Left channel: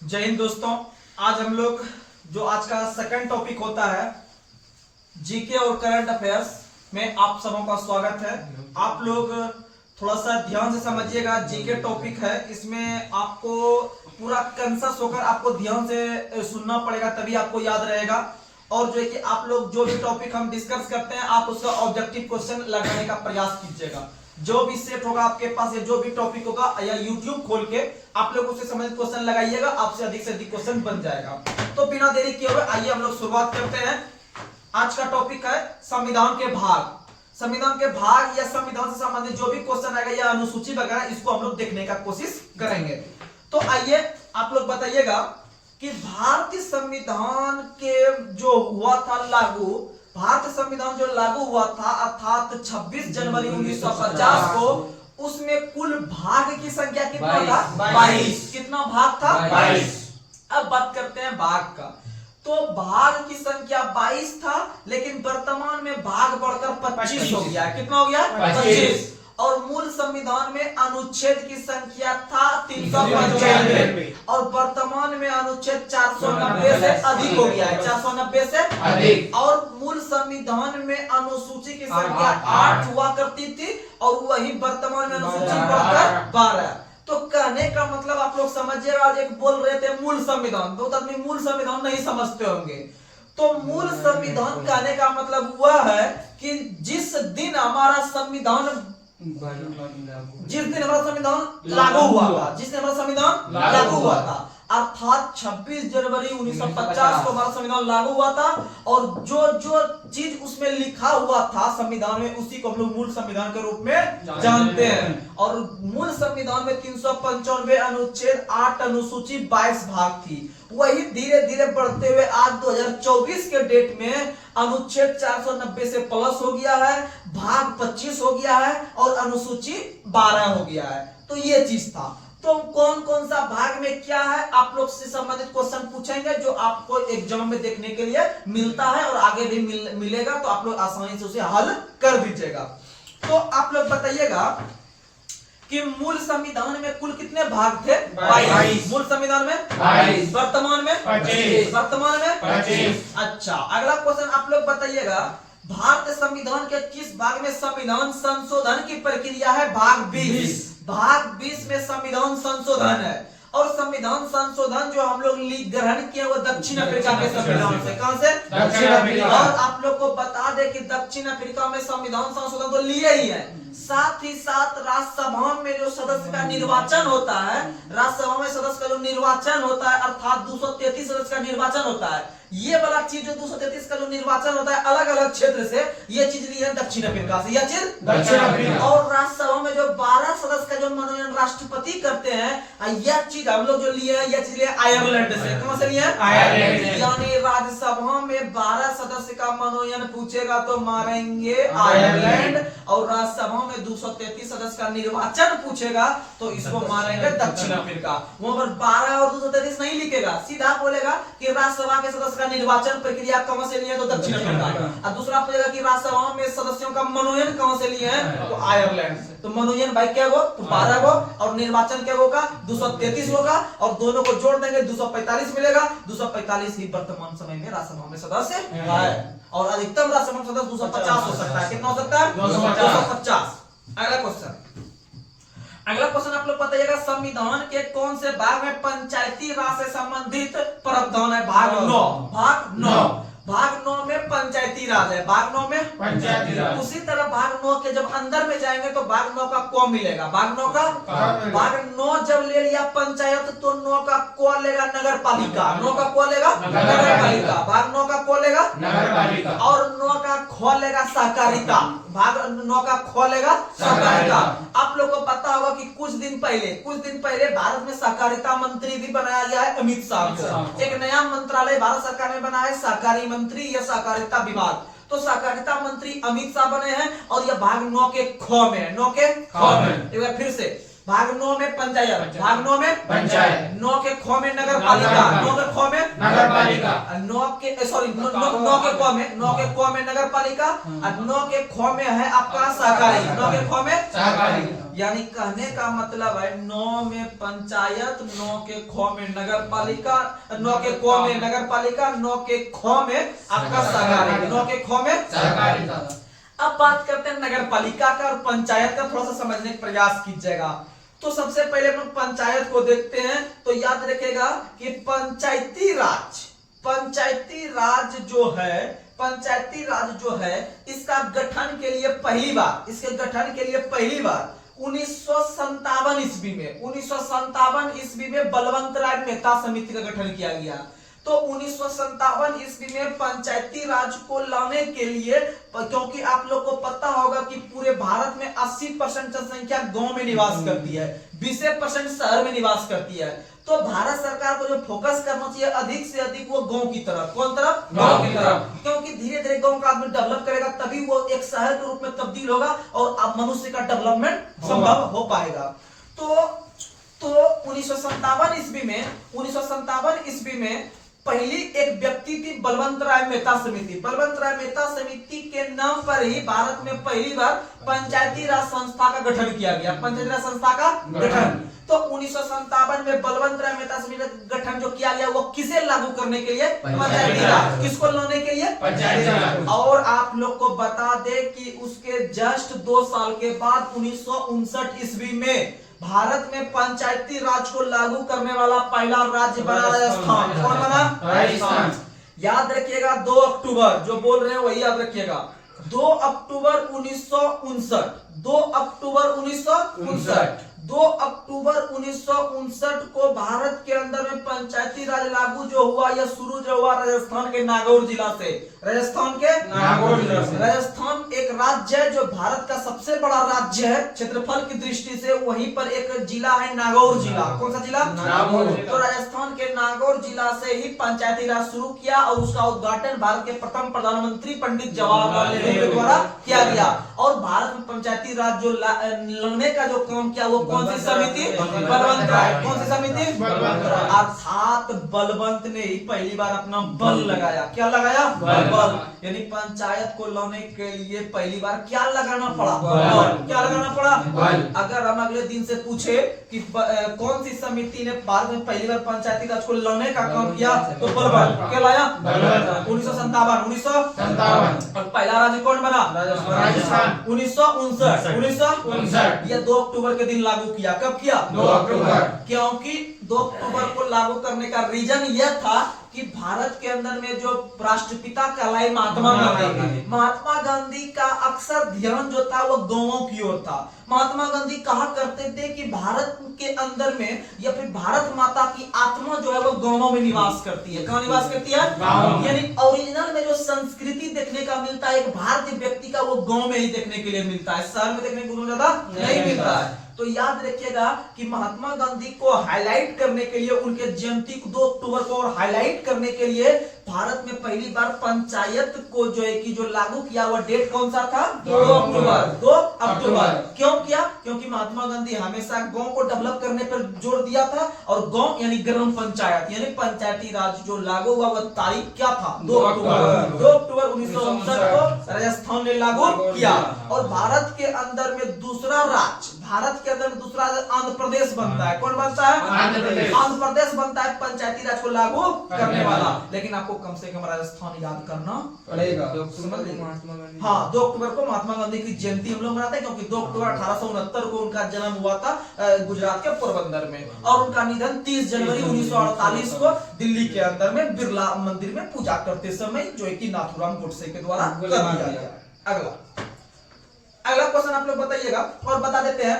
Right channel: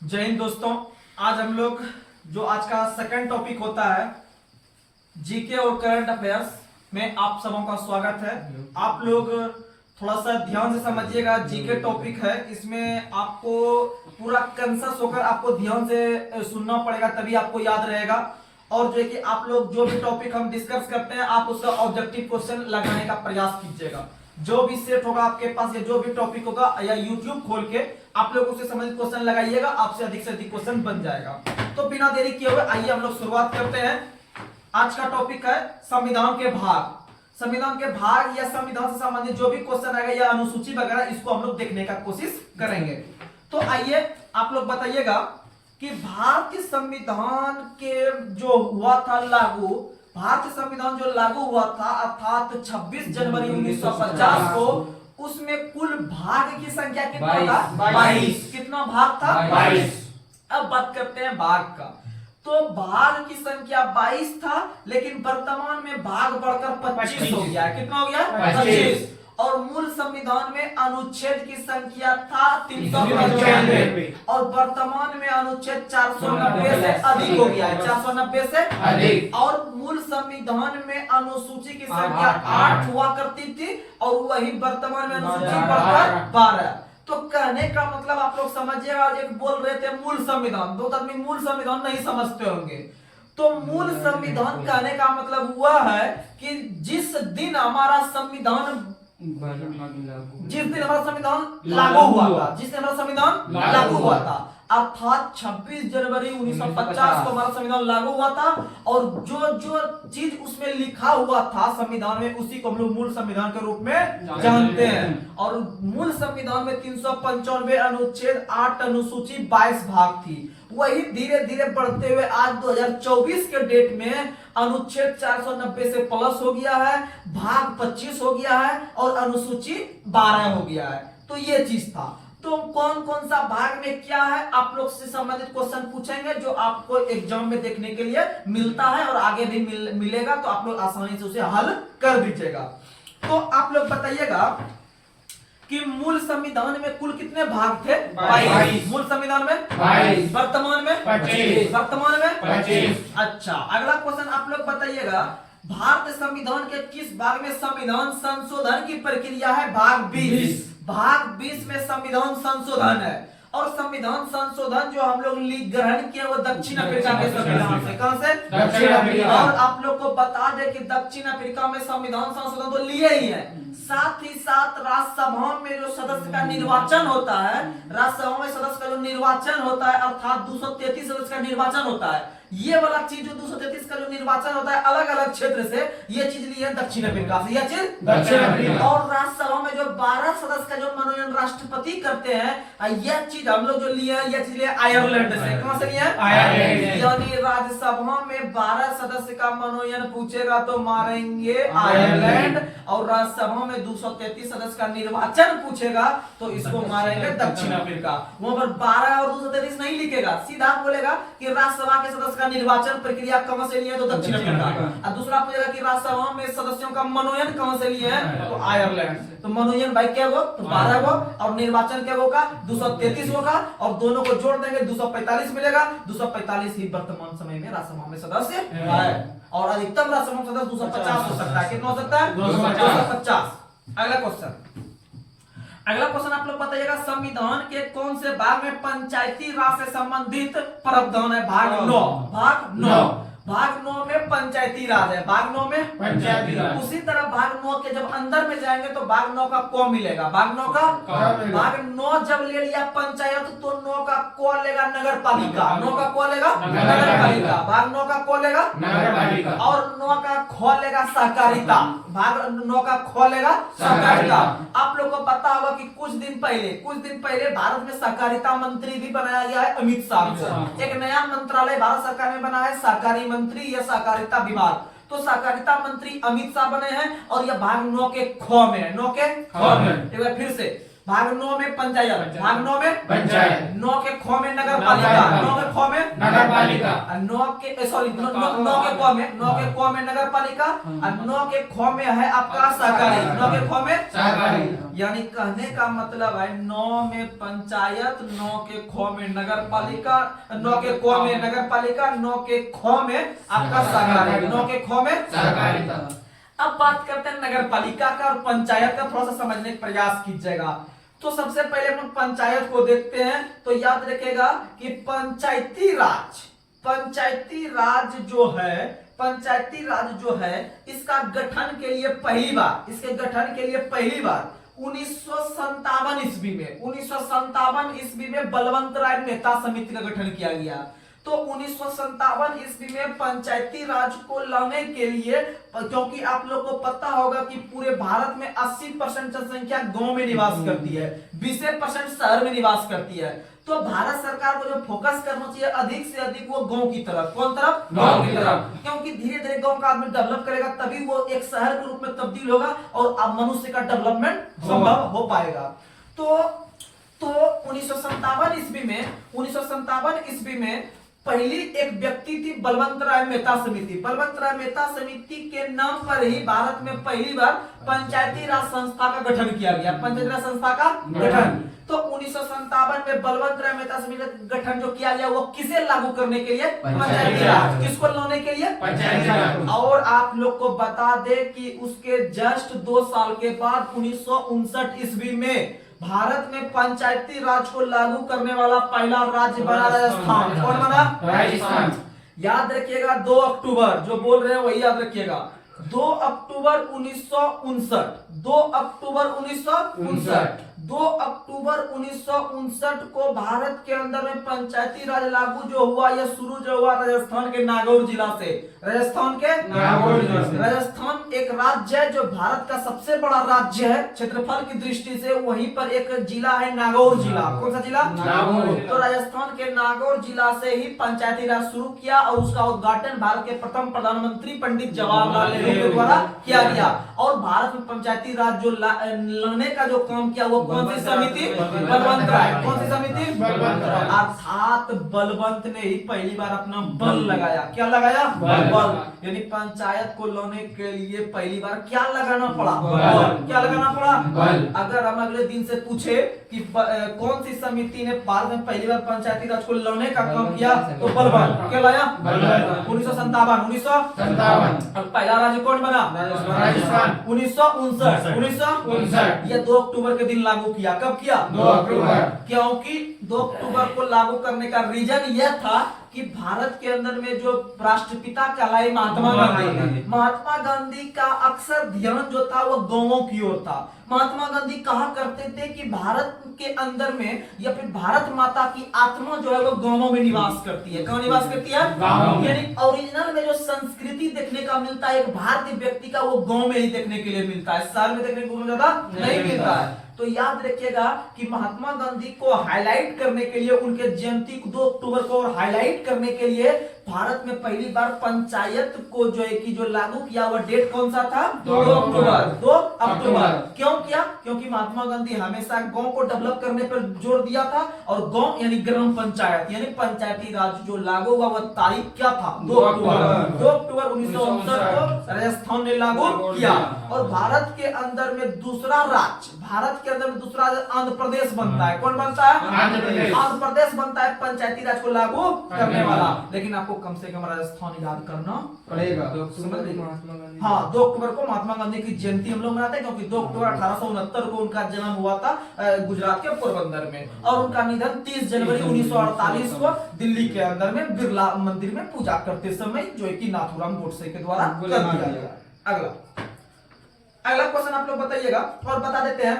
जय हिंद दोस्तों। आज हम लोग जो आज का सेकंड टॉपिक होता है जीके और करंट अफेयर्स में आप सबों का स्वागत है। आप लोग थोड़ा सा ध्यान से समझिएगा। जीके टॉपिक है, इसमें आपको पूरा कंसस होकर आपको ध्यान से सुनना पड़ेगा, तभी आपको याद रहेगा। और जो है कि आप लोग जो भी टॉपिक हम डिस्कस करते हैं आप उसका ऑब्जेक्टिव क्वेश्चन लगाने का प्रयास कीजिएगा। जो भी सेट होगा आपके पास या जो भी टॉपिक होगा या यूट्यूब खोल के आप लोग उससे संबंधित क्वेश्चन लगाइएगा, आपसे अधिक क्वेश्चन बन जाएगा। तो बिना देरी किए हुए आइए हम लोग शुरुआत करते हैं। आज का टॉपिक है संविधान के भाग। संविधान के भाग या संविधान से संबंधित जो भी क्वेश्चन आएगा या अनुसूची वगैरह, इसको हम लोग देखने का कोशिश करेंगे। तो आइए आप लोग बताइएगा कि भारतीय संविधान के जो हुआ था लागू, भारतीय संविधान जो लागू हुआ था अर्थात 26 जनवरी 1950 को, उसमें कुल भाग की संख्या कितना था? 22। कितना भाग था? 22। अब बात करते हैं भाग का। तो भाग की संख्या 22 था, लेकिन वर्तमान में भाग बढ़कर 25 हो गया। कितना हो गया? 25। और मूल संविधान में अनुच्छेद की संख्या था 395 और वर्तमान में अनुच्छेद 490 से अधिक हो गया है। 490 से अधिक। और मूल संविधान में अनुसूची की संख्या 8 हुआ करती थी और वही वर्तमान में अनुसूची बढ़कर 12। तो कहने का मतलब आप लोग समझिएगा, एक बोल रहे थे मूल संविधान, दो आदमी मूल संविधान नहीं समझते होंगे। तो मूल संविधान कहने का मतलब हुआ है कि जिस दिन हमारा संविधान लागू हुआ था, जिस दिन हमारा संविधान लागू हुआ था अर्थात 26 जनवरी 1950 को हमारा संविधान लागू हुआ था। और जो जो चीज उसमें लिखा हुआ था संविधान में, उसी को हम लोग मूल संविधान के रूप में जानते हैं। और मूल संविधान में 395 अनुच्छेद, 8 अनुसूची, 22 भाग थी। वही धीरे धीरे बढ़ते हुए आज 2024 के डेट में अनुच्छेद 490 से प्लस हो गया है, भाग 25 हो गया है और अनुसूची 12 हो गया है। तो ये चीज था। तो कौन कौन सा भाग में क्या है आप लोग से संबंधित क्वेश्चन पूछेंगे, जो आपको एग्जाम में देखने के लिए मिलता है और आगे भी मिलेगा, तो आप लोग आसानी से उसे हल कर दीजिएगा। तो आप लोग बताइएगा कि मूल संविधान में कुल कितने भाग थे? 22। मूल संविधान में 22। वर्तमान में 25। वर्तमान में 25। अच्छा, अगला क्वेश्चन आप लोग बताइएगा, भारतीय संविधान के किस भाग में संविधान संशोधन की प्रक्रिया है? भाग 20। भाग 20 में संविधान संशोधन है। और संविधान संशोधन जो हम लोग ग्रहण किए वो दक्षिण अफ्रीका के संविधान से। कहां से? दक्षिण अफ्रीका। और आप लोग को बता दें कि दक्षिण अफ्रीका में संविधान संशोधन तो लिए ही है, साथ ही साथ राज्यसभा में जो सदस्य का निर्वाचन होता है, राज्यसभा में सदस्य का जो निर्वाचन होता है अर्थात 233 सदस्य का निर्वाचन होता है, ये वाला चीज जो 233 का जो निर्वाचन होता है अलग अलग क्षेत्र से, ये चीज ली है दक्षिण अफ्रीका से। यह चीज दक्षिण अफ्रीका। और राज्यसभा में जो 12 सदस्य का जो मनोनयन राष्ट्रपति करते हैं, यह चीज हम लोग जो लिए हैं, यह चीज लिए आयरलैंड से। कहां से लिए? आयरलैंड से। यानी राज्यसभा में 12 सदस्य का मनोनयन पूछेगा तो मारेंगे आयरलैंड, और राज्यसभा में 233 सदस्य का निर्वाचन पूछेगा तो इसको मारेंगे दक्षिण अफ्रीका। वहां पर 12 और 233 नहीं लिखेगा, सीधा बोलेगा कि राज्यसभा के सदस्य का निर्वाचन प्रक्रिया कहां से लिए? तो दक्षिण अफ्रीका। और दूसरा पूछेगा कि राज्यसभा में सदस्यों का मनोनयन कहां से लिए हैं? तो आयरलैंड से। तो मनोनयन भाई क्या हो? तो 12 हो, और निर्वाचन क्या होगा? 233 होगा, और दोनों को जोड़ देंगे 245 मिलेगा। 245 ही वर्तमान समय में राज्यसभा में सदस्य है। और अधिकतम राज्यसभा सदस्य 250 हो सकता है। कितना हो सकता है? 250। अगला क्वेश्चन, अगला क्वेश्चन आप लोग बताइएगा, संविधान के कौन से भाग में पंचायती राज से संबंधित प्रावधान है? भाग 9। भाग 9। भाग 9 में पंचायती राज है। भाग 9 में पंचायती राज। उसी तरह भाग 9 के जब अंदर में जाएंगे तो भाग 9 का क मिलेगा। भाग 9 का भाग 9 जब ले लिया पंचायत तो 9 का क लेगा नगर पालिका। 9 का क लेगा नगर पालिका। भाग 9 का क लेगा नगर पालिका। और 9 का ख लेगा सहकारिता। भाग 9 का ख लेगा सहकारिता। आप लोग को पता होगा कि कुछ दिन पहले भारत में सहकारिता मंत्री भी बनाया गया है अमित शाह को। एक नया मंत्रालय भारत सरकार में बना है, सहकारी मंत्री या सहकारिता विभाग। तो सहकारिता मंत्री अमित शाह बने हैं और यह भाग 9 के ख में है। 9 के ख में एक बार फिर से, भाग 9 में पंचायत, भाग 9 में पंचायत, 9 के ख में नगर पालिका, 9 के ख में नगर पालिका। नौ के सॉरी नौ के क में नगर पालिका और 9 के ख में है आपका सहकारी। 9 के ख में सहकारी। यानी कहने का मतलब है 9 में पंचायत, 9 के ख में नगर पालिका, 9 के क में नगर पालिका, 9 के ख में आपका सहकारी, 9 के ख में सहकारी। अब बात करते हैं नगर पालिका का और पंचायत का, थोड़ा सा समझने का प्रयास कीजिएगा। तो सबसे पहले हम लोग पंचायत को देखते हैं। तो याद रखिएगा कि पंचायती राज जो है इसका गठन के लिए पहली बार 1957 ईस्वी में बलवंत राय मेहता समिति का गठन किया गया। तो 1957 ईस्वी में पंचायती राज को लाने के लिए, क्योंकि आप लोग को पता होगा कि पूरे भारत में 80% जनसंख्या गांव में निवास करती है, 20% शहर में निवास करती है। तो भारत सरकार को जो फोकस करना चाहिए अधिक से अधिक वो गांव की तरफ। कौन तरफ? गांव की तरफ। क्योंकि धीरे धीरे गांव का आदमी डेवलप करेगा तभी वो एक शहर के रूप में तब्दील होगा और अब मनुष्य का डेवलपमेंट संभव हो पाएगा। तो 1957 ईस्वी में पहली एक व्यक्ति थी बलवंत राय मेहता समिति। बलवंत राय मेहता समिति के नाम पर ही भारत में पहली बार पंचायती राज संस्था का गठन किया गया। पंचायती राज संस्था का गठन तो 1957 में बलवंत राय मेहता समिति का गठन जो किया गया वो किसे लागू करने के लिए? पंचायती राज। किसको लाने के लिए? पंचायती राज। और आप लोग को बता दे कि उसके जस्ट 2 साल के बाद 1959 ईस्वी में भारत में पंचायती राज को लागू करने वाला पहला राज्य बना राजस्थान। कौन बना? राजस्थान। याद रखिएगा 2 अक्टूबर, जो बोल रहे हैं वही याद रखिएगा, 2 अक्टूबर 1959, 2 अक्टूबर 1959, 2 अक्टूबर 1959 को भारत के अंदर में पंचायती राज लागू जो हुआ, यह शुरू जो हुआ राजस्थान के नागौर जिला से। राजस्थान के नागौर जिला से। राजस्थान एक राज्य है जो भारत का सबसे बड़ा राज्य है क्षेत्रफल की दृष्टि से। वहीं पर एक जिला है नागौर जिला। कौन सा जिला? नागौर। तो राजस्थान के नागौर जिला से ही पंचायती राज शुरू किया और उसका उद्घाटन भारत के प्रथम प्रधानमंत्री पंडित जवाहरलाल नेहरू के द्वारा किया गया। और भारत में पंचायती राज जो लाने का जो काम किया वो कौन सी समिति? बलवंत राय। कौन सी समिति? बलवंत राय। अर्थात बलवंत ने ही पहली बार अपना बल लगाया। क्या लगाया? बल। यानी पंचायत को लाने के लिए पहली बार क्या लगाना पड़ा? बल। क्या लगाना पड़ा? बल। अगर हम अगले दिन से पूछे कि कौन सी समिति ने भारत में पहली बार पंचायती राज को लाने का काम किया तो बलवंत। क्या लाया? बलवंत। 1957। और पहला राज्य कौन बना? राजस्थान। 1959। यह 2 अक्टूबर के दिन लागू किया। कब किया? 2 अक्टूबर। क्योंकि 2 अक्टूबर को लागू करने का रीजन यह था कि भारत के अंदर में जो राष्ट्रपिता कहलाए महात्मा गांधी का अक्सर ध्यान जो था वो गांवों की ओर था। महात्मा गांधी कहा करते थे कि भारत के अंदर में या फिर भारत माता की आत्मा जो है वो गांवों में निवास करती है। कहाँ निवास करती है? यानी ओरिजिनल में जो संस्कृति देखने का मिलता है एक भारतीय व्यक्ति का वो गांव में ही देखने के लिए मिलता है, शहर में देखने को ज्यादा नहीं मिलता है। तो याद रखिएगा कि महात्मा गांधी को हाईलाइट करने के लिए, उनके जयंती 2 अक्टूबर को और हाईलाइट करने के लिए भारत में पहली बार पंचायत को जो है कि जो लागू किया वो डेट कौन सा था? 2 अक्टूबर। 2 अक्टूबर क्यों किया? क्योंकि महात्मा गांधी हमेशा गांव को डेवलप करने पर जोर दिया था और गांव यानी ग्राम पंचायत यानी पंचायती राज जो लागू हुआ वह तारीख क्या था? 2 अक्टूबर। 2 अक्टूबर 1959 को राजस्थान ने लागू किया। और भारत के अंदर में दूसरा राज्य, भारत के अंदर में दूसरा आंध्र प्रदेश बनता है। कौन बनता है? आंध्र प्रदेश। आंध्र प्रदेश बनता है पंचायती राज को लागू करने वाला। लेकिन आपको कम से कम राजस्थान याद करना पड़ेगा। हाँ, 2 अक्टूबर को महात्मा गांधी की जयंती हम लोग मनाते हैं क्योंकि 2 अक्टूबर 1869 को उनका जन्म हुआ था गुजरात के पोरबंदर में और उनका निधन 30 जनवरी 1948 को दिल्ली के अंदर में बिरला मंदिर में पूजा करते समय जो है कि नाथूराम गोडसे के द्वारा कर दिया गया। अगला क्वेश्चन आप लोग बताइएगा और बता देते हैं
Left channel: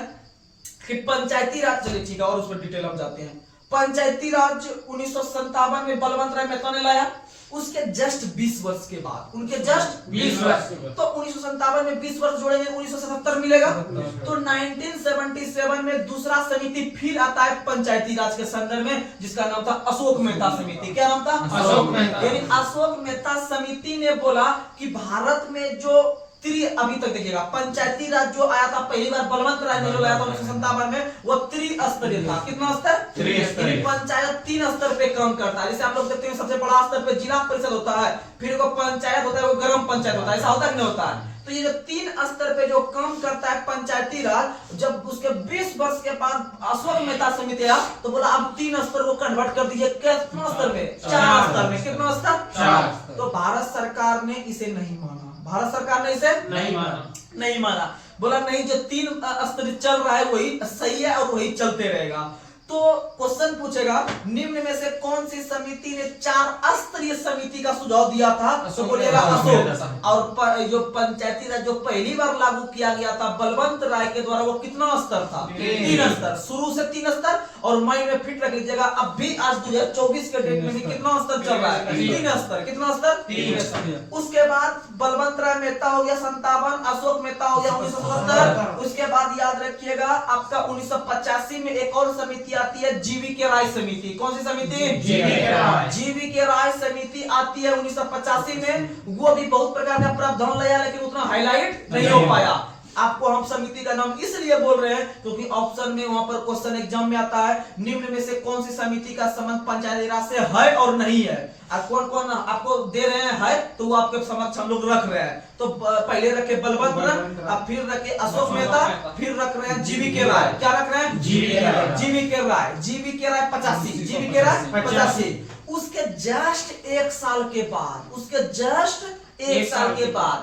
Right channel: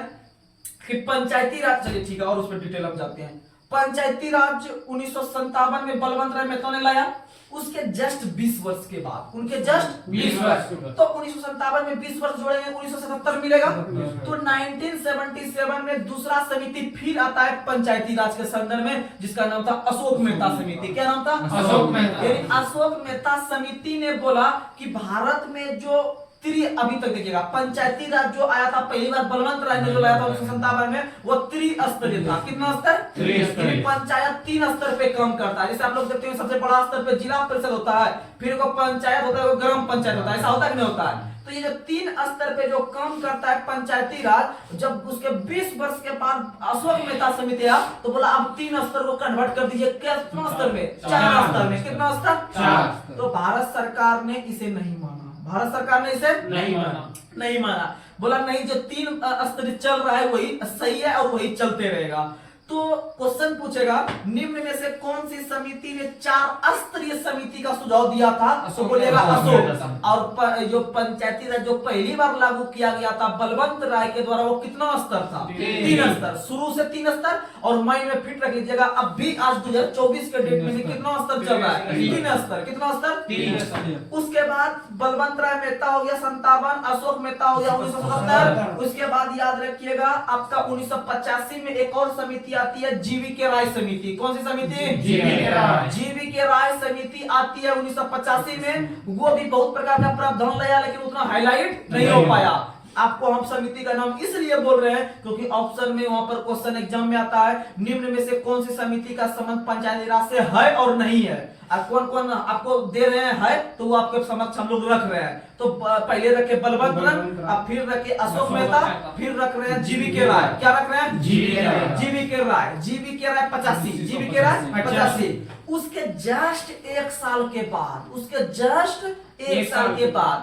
कि पंचायती राज, चलिए ठीक है और उस पर डिटेल हम जाते हैं। पंचायती राज 1957 में बलवंत राय मेहता ने लाया। उसके जस्ट 20 वर्ष के बाद, उनके जस्ट 20 वर्ष, तो 1957 में 20 वर्ष जोड़ेंगे 1977 मिलेगा। तो 1977 में दूसरा समिति फिर आता है पंचायती राज के संदर्भ में जिसका नाम था अशोक मेहता समिति। क्या नाम था? अशोक मेहता। यानी अशोक मेहता समिति ने बोला कि भारत में जो अभी तक देखिएगा पंचायती राज जो आया था पहली बार बलवंत राय ने जो लाया था 1957 में, वो त्रिस्तरीय था। कितना स्तर? त्रिस्तरीय। पंचायत 3 स्तर पे काम करता है। जैसे आप लोग देखते हैं सबसे बड़ा स्तर पे जिला परिषद होता है, फिर वो पंचायत होता है, वो ग्राम पंचायत होता है। ऐसा होता है कि नहीं होता है? तो ये जो 3 स्तर पे जो काम करता है पंचायती राज, जब उसके 20 वर्ष के बाद अशोक मेहता समिति आया तो बोला अब 3 स्तर को कन्वर्ट कर दीजिए। कितना स्तर में? 4 स्तर में। कितना स्तर? 4। तो भारत सरकार ने इसे नहीं माना। भारत सरकार ने इसे नहीं माना। बोला नहीं, जो 3 स्तर चल रहा है वही सही है और वही चलते रहेगा। तो क्वेश्चन पूछेगा निम्न में से कौन सी समिति ने 4 स्तरीय समिति का सुझाव दिया था? तो बोलिएगा अशोक। और जो पंचायती राज जो पहली बार लागू किया गया था बलवंत राय के द्वारा, वो कितना स्तर था? 3 स्तर। शुरू से 3 स्तर। और माइंड में फिट रख लीजिएगा, अब भी आज 2024 के डेट में भी कितना स्तर चल रहा है? 3 स्तर। कितना स्तर? 3। उसके बाद बलवंत राय मेहता हो गया 57, अशोक मेहता हो गया 1977। उसके बाद याद रखिएगा आपका 1985 में एक और समिति आती है, जीवी के राय समिति। कौन सी समिति? जीवी के राय समिति आती है 1985 में। वो भी बहुत प्रकार का प्रावधान लाया, लेकिन उतना हाईलाइट नहीं हो पाया। आपको हम समिति का नाम इसलिए बोल रहे हैं क्योंकि ऑप्शन में वहां पर क्वेश्चन एग्जाम में आता है निम्न में से कौन सी समिति का संबंध पंचायती राज से है और नहीं है। कौन कौन आपको दे रहे हैं है तो वो आपके समक्ष हम लोग रख रहे हैं। तो पहले रखे बलवंत राय, फिर रखे अशोक मेहता, फिर रख रहे हैं जीवी के राय। क्या रख रहे हैं? जीवी के राय। जीवी के राय 85। जीवी के राय 85। उसके जस्ट 1 साल के बाद, उसके जस्ट 1 साल के बाद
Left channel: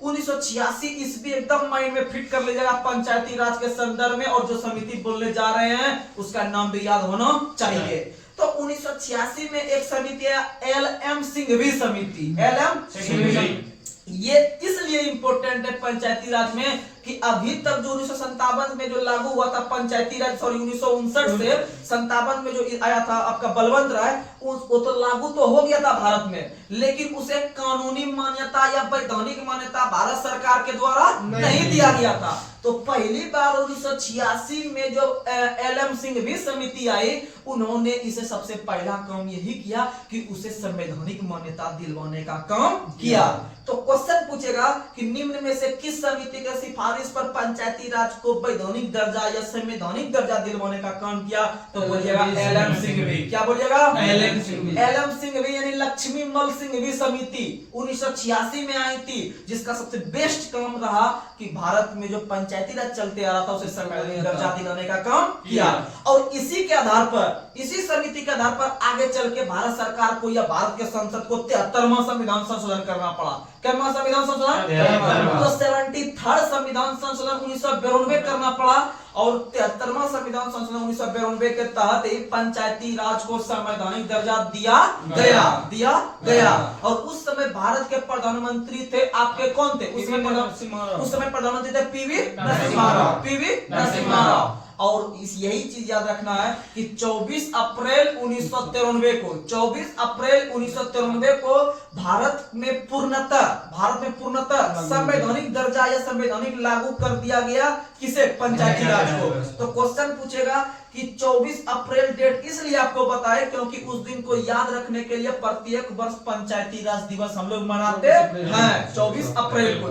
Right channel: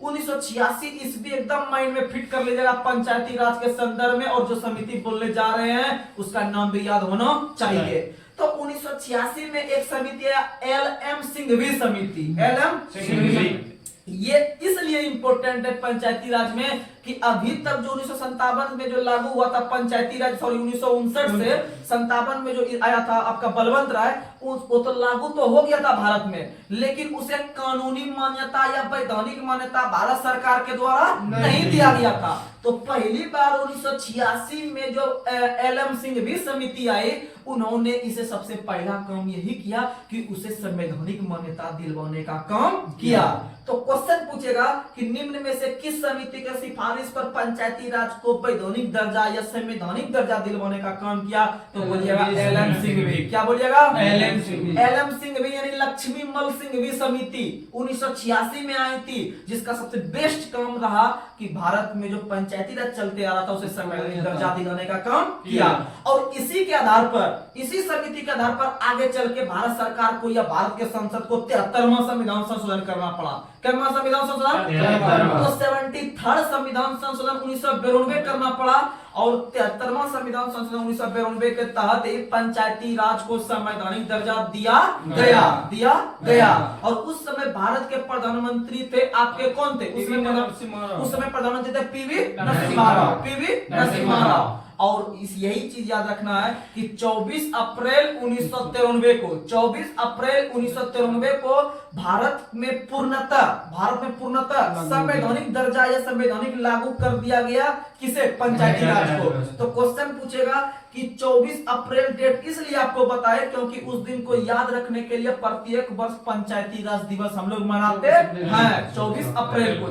1986 ईस्वी एकदम माइंड में फिट कर लीजिएगा पंचायती राज के संदर्भ में। और जो समिति बोलने जा रहे हैं उसका नाम भी याद होना चाहिए। तो 1986 में एक समिति है एल.एम. सिंघवी समिति। एल.एम. सिंघवी ये इसलिए इंपॉर्टेंट है पंचायती राज में कि अभी तक जो 1957 में जो लागू हुआ था पंचायती राज, सॉरी 1959 से 57 में जो आया था आपका बलवंत राय, वो तो लागू तो हो गया था भारत में, लेकिन उसे कानूनी मान्यता या वैधानिक मान्यता भारत सरकार के द्वारा नहीं दिया गया था। तो पहली बार 1986 में जो एल.एम. सिंघवी समिति आई, उन्होंने इसे सबसे पहला काम यही किया कि उसे संवैधानिक मान्यता दिलवाने का काम किया। तो क्वेश्चन पूछेगा कि निम्न में से किस समिति के सिफारिश पर पंचायती राज को वैधानिक दर्जा या संवैधानिक दर्जा दिलवाने का काम किया? तो बोलिएगा एल.एम. सिंघवी। क्या बोलिएगा? एल.एम. सिंघवी यानी लक्ष्मी मल सिंघवी समिति 1986 में आई थी, जिसका सबसे बेस्ट काम रहा कि भारत में जो पंचायती राज चलते आ रहा था उसे संवैधानिक दर्जा दिलाने का काम किया। और इसी के आधार पर, इसी समिति के आधार पर आगे चल के भारत सरकार को या भारत के संसद को 73वां संविधान संशोधन करना पड़ा। क्या संविधान संशोधन? तो 73rd संविधान संशोधन 1992 करना पड़ा। और 73वां संविधान संशोधन 1992 के तहत पंचायती राज को संवैधानिक दर्जा दिया गया। और उस समय भारत के प्रधानमंत्री थे आपके कौन थे? उस समय प्रधानमंत्री थे पीवी नरसिम्हा राव। और यही चीज याद रखना है कि 24 अप्रैल 1993 को भारत में पूर्णतः संवैधानिक दर्जा या संवैधानिक लागू कर दिया गया। किसे? पंचायती राज को। तो क्वेश्चन पूछेगा कि 24 अप्रैल डेट इसलिए आपको बताए क्योंकि उस दिन को याद रखने के लिए प्रत्येक वर्ष पंचायती राज दिवस हम लोग मनाते हैं 24 अप्रैल को।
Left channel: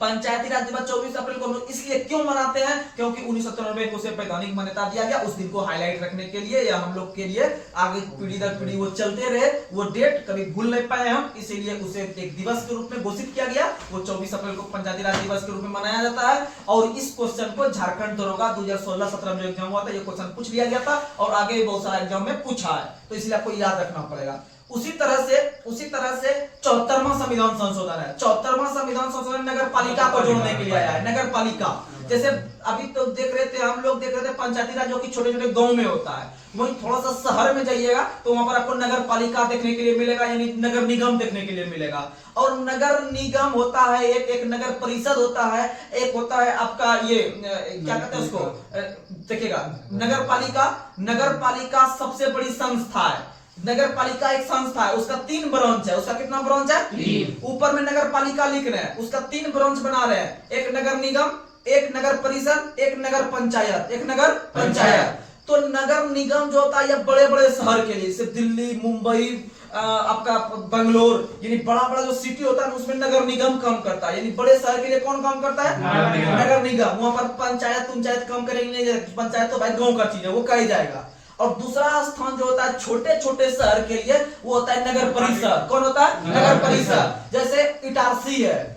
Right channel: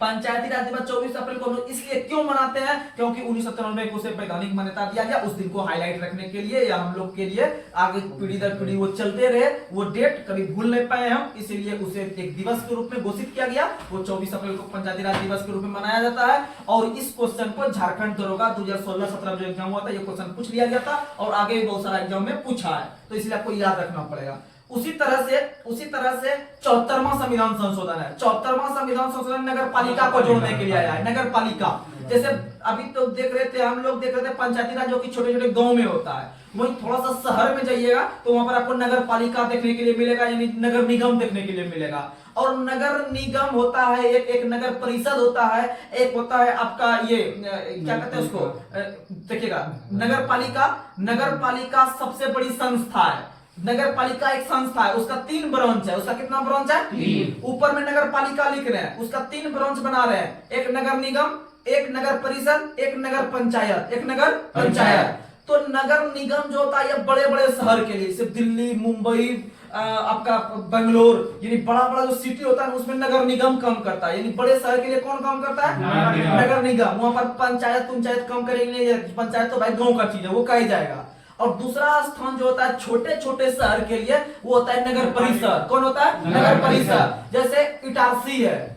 पंचायती राज दिवस 24 अप्रैल को इसलिए क्यों मनाते हैं? क्योंकि 1993 को उसे वैधानिक मान्यता दिया गया। उस दिन को हाईलाइट रखने के लिए या हम लोग के लिए आगे पीढ़ी दर पीढ़ी वो चलते रहे, वो डेट कभी भूल नहीं पाए हम, इसीलिए उसे एक दिवस के रूप में घोषित किया गया। वो 24 अप्रैल को पंचायती राज दिवस के रूप में मनाया जाता है। और इस क्वेश्चन को झारखंड दरोगा 2016-17 में जो एग्जाम हुआ था, ये क्वेश्चन पूछ लिया गया था और आगे भी बहुत सारा एग्जाम में पूछा है, तो इसलिए आपको याद रखना पड़ेगा। उसी तरह से 74वां संविधान संशोधन है। 74वां संविधान संशोधन नगर पालिका को जोड़ने के लिए आया है। नगर पालिका जैसे अभी तो देख रहे थे पंचायती राज जो कि छोटे छोटे गांव में होता है, वहीं थोड़ा सा शहर में जाइएगा तो वहां पर आपको नगर पालिका देखने के लिए मिलेगा, यानी नगर निगम देखने के लिए मिलेगा। और नगर निगम होता है एक नगर परिषद होता है, एक होता है आपका ये क्या कहते हैं उसको, देखिएगा नगर पालिका सबसे बड़ी संस्था है। नगर पालिका एक संस्था है, उसका 3 ब्रांच है। उसका कितना ब्रांच है? 3। ऊपर में नगर पालिका लिख रहे हैं, उसका 3 ब्रांच बना रहे हैं, एक नगर निगम, एक नगर परिषद, एक नगर पंचायत। तो नगर निगम जो होता है ये बड़े बड़े शहर के लिए, सिर्फ दिल्ली, मुंबई, आपका बेंगलोर, यानी बड़ा बड़ा जो सिटी होता है ना उसमें नगर निगम काम करता है। यानी बड़े शहर के लिए कौन काम करता है? नगर निगम। वहां पर पंचायत काम करेंगे, पंचायत तो भाई गांव का चीज है, वो कही जाएगा। और दूसरा स्थान जो होता है छोटे छोटे शहर के लिए, वो होता है नगर परिषद। कौन होता है? नगर परिषद। जैसे इटारसी है,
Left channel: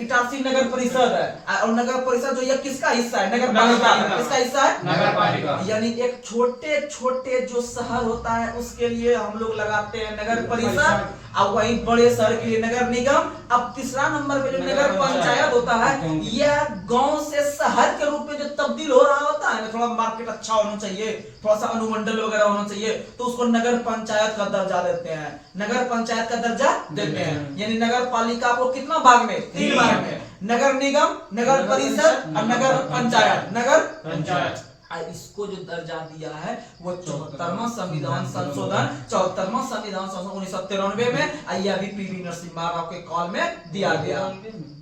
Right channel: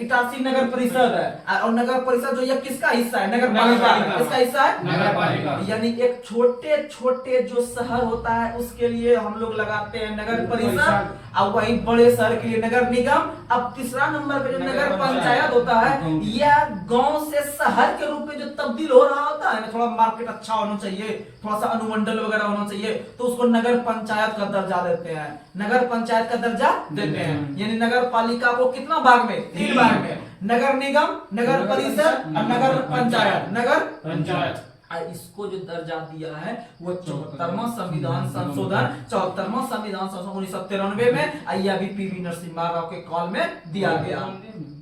इटारसी नगर परिषद है। और नगर परिषद जो ये किसका हिस्सा है? नगर पालिका। किसका हिस्सा है? नगर पालिका। यानी एक छोटे छोटे जो शहर होता है उसके लिए हम लोग लगाते हैं नगर परिषद, और वही बड़े शहर के लिए नगर निगम। अब तीसरा नंबर पे जो नगर पंचायत होता है, यह गांव से शहर के रूप में जो तब्दील हो रहा होता है ना, थोड़ा मार्केट अच्छा होना चाहिए, थोड़ा सा अनुमंडल वगैरह होना चाहिए, तो उसको नगर पंचायत का दर्जा देते हैं। नगर पंचायत का दर्जा देते हैं। यानी नगर पालिका को कितना भाग में? 3 भाग में। नगर निगम, नगर परिषद और नगर पंचायत। नगर पंचायत। इसको जो दर्जा दिया है वो 74वां संविधान संशोधन 1993 में यह भी पीवी नरसिम्हा राव के काल में दिया गया।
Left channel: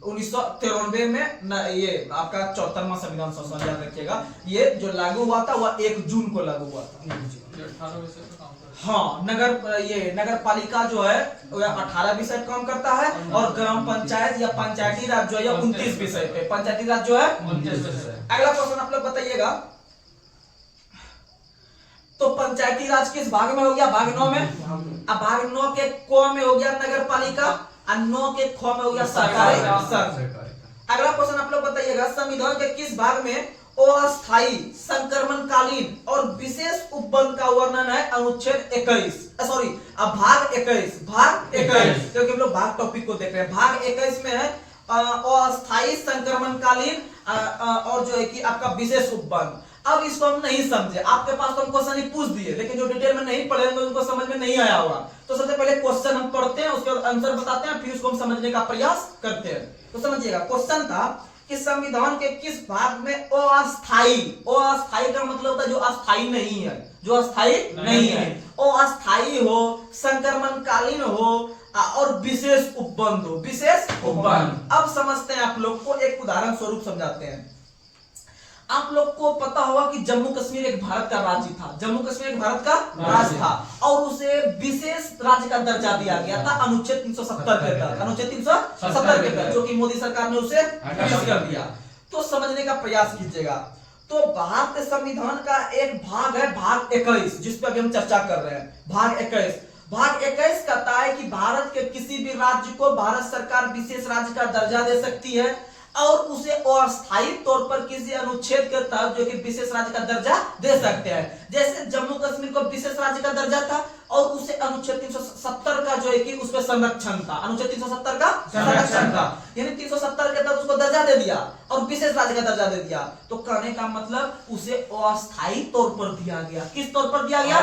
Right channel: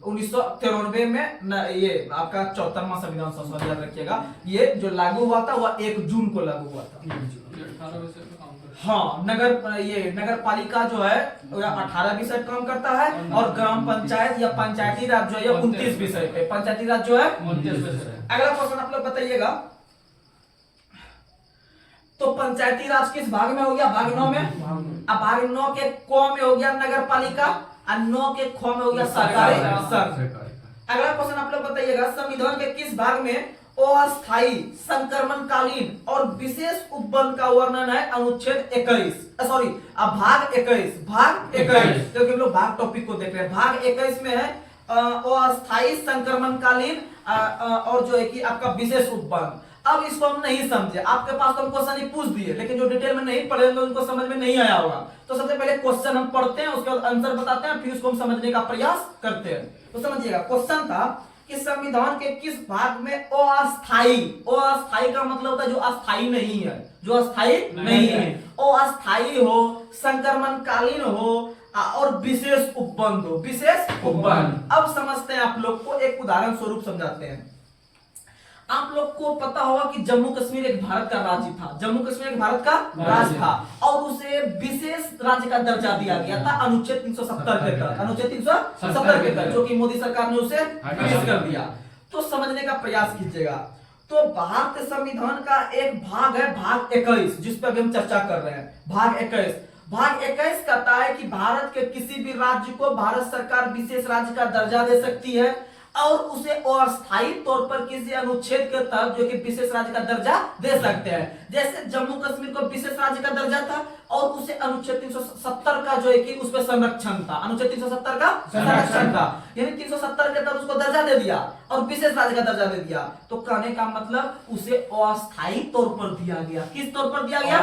1993 में ये आपका 74वां संविधान संशोधन याद रखिएगा। ये जो लागू हुआ था वह 1 जून को लागू हुआ था। हाँ, नगर पालिका जो है 18 विषय काम करता है, और ग्राम पंचायत या पंचायती राज जो है 29 विषय पे। पंचायती राज जो है 29 विषय। अगला क्वेश्चन आप लोग बताइएगा, तो पंचायती राज किस भाग में हो गया? भाग 9 में। अब भाग 9 के क में हो गया नगर पालिका, और 9 के ख में हो गया सरकारी संघ। अगला क्वेश्चन आप लोग बताइएगा, संविधान के किस भाग में अस्थायी, संक्रमणकालीन और विशेष उपबंध का वर्णन है? अनुच्छेद 21, सॉरी भाग 21, क्योंकि हम लोग भाग टॉपिक को देख रहे हैं। भाग 21 में है अस्थायी, संक्रमणकालीन और जो है कि आपका विशेष उपबंध। अब इसको हम नहीं समझे, आपके पास तो हम क्वेश्चन ही पूछ दिए, लेकिन जो डिटेल में नहीं पढ़े होंगे उनको समझ में नहीं आया होगा। तो सबसे पहले क्वेश्चन हम पढ़ते हैं, उसके बाद आंसर बताते हैं, फिर उसको हम समझने का प्रयास करते हैं। तो समझिएगा, क्वेश्चन था कि संविधान के किस भाग में अस्थायी का मतलब होता है जो अस्थायी नहीं है, अस्थायी हो, संक्रमणकालीन हो और विशेष उपबंध हो। अब समझते हैं, आप लोग को एक उदाहरण स्वरूप समझाते हैं। आप लोग को पता होगा कि जम्मू कश्मीर एक भारत का राज्य था, राज्य था, और उसे विशेष राज्य का दर्जा दिया गया था अनुच्छेद 370 के तहत, जो कि मोदी सरकार ने उसे फिनिश कर दिया। तो समझने का प्रयास कीजिएगा। तो भारतीय संविधान का एक भाग है भाग 21, जिस पे अभी हम चर्चा कर रहे हैं। भाग 21 कहता है कि भारत के किसी भी राज्य को भारत सरकार विशेष राज्य का दर्जा दे सकती है, और उसे अस्थायी तौर पर किसी अनुच्छेद के तहत जो कि विशेष राज्य का दर्जा दे सकते हैं। जैसे जम्मू कश्मीर को विशेष राज्य का दर्जा था, और उसे अनुच्छेद 370 का जो है कि उस पर संरक्षण था, अनुच्छेद 370 का संरक्षण था, यानी 370 के तहत उसको दर्जा दे दिया और विशेष राज्य का दर्जा दे दिया। तो कहने का मतलब उसे अस्थायी तौर पर दिया गया। किस तौर पर दिया गया?